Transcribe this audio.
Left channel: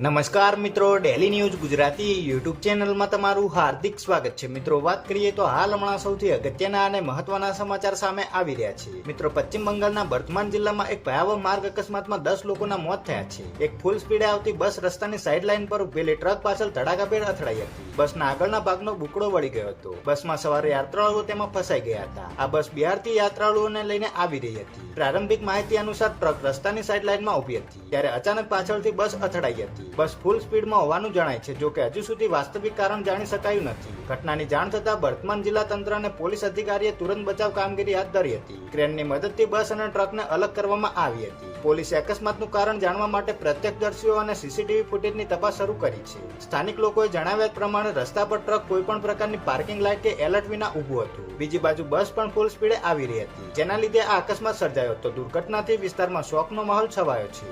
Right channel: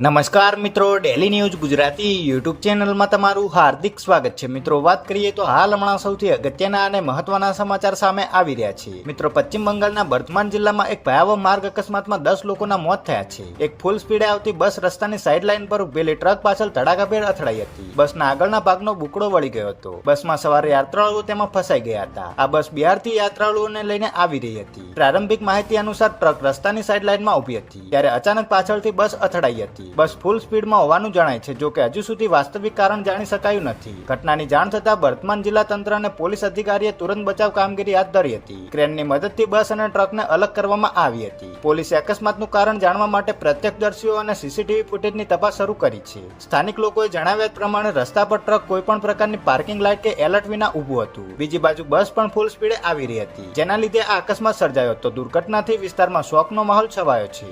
નમસ્કાર મિત્રો, daily news Gujarati YouTube ચેનલમાં તમારું હાર્દિક સ્વાગત છે। મિત્રો, વાત કરીએ તો હાલ હમણાં સૌથી અગત્યના અને મહત્વના સમાચાર સામે આવી રહ્યા છે। મિત્રો, પશ્ચિમ બંગાળના વર્ધમાન જિલ્લામાં એક ભયાવહ માર્ગ અકસ્માતમાં 10 લોકોના મોત થયા છે। એક ફૂલ સ્પીડે આવતી બસ રસ્તાની સાઈડ લાઈન પર ઉભેલી ટ્રક પાછળ ધડાકાભેર અથડાઈ હતી। બસના આગળના ભાગનો બુકડો વળી ગયો હતો। બસમાં સવાર યાત્રાળુઓ તેમાં ફસાઈ ગયા હતા। આ બસ બિહારથી યાત્રાળુઓને લઈને આવી રહી હતી। પ્રારંભિક માહિતી અનુસાર ટ્રક રસ્તાની સાઈડ લાઈનમાં ઊભી હતી ત્યારે અચાનક પાછળથી બસ અથડાઈ હતી। બસ ફૂલ સ્પીડમાં હોવાનું જણાય છે, જો કે હજુ સુધી વાસ્તવિક કારણ જાણી શકાયું નથી। ઘટનાની જાણ થતાં વર્ધમાન જિલ્લા તંત્ર અને પોલીસ અધિકારીએ તુરંત બચાવ કામગીરી હાથ ધરી હતી। ક્રેનની મદદથી બસ અને ટ્રકને અલગ કરવામાં આવી હતી। પોલીસે અકસ્માતનું કારણ જાણવા માટે પ્રત્યક્ષદર્શીઓ અને સીસીટીવી ફૂટેજની તપાસ શરૂ કરી છે। સ્થાનિક લોકોએ જણાવ્યા પ્રમાણે રસ્તા પર ટ્રક કોઈપણ પ્રકારની પાર્કિંગ લાઇટ કે એલર્ટ વિના ઊભું હતું। બીજી બાજુ બસ પણ ફૂલ સ્પીડે આવી રહી હતી, જેના લીધે આ અકસ્માત સર્જાયો હતો। દુર્ઘટનાથી વિસ્તારમાં શોકનો માહોલ છવાયો છે।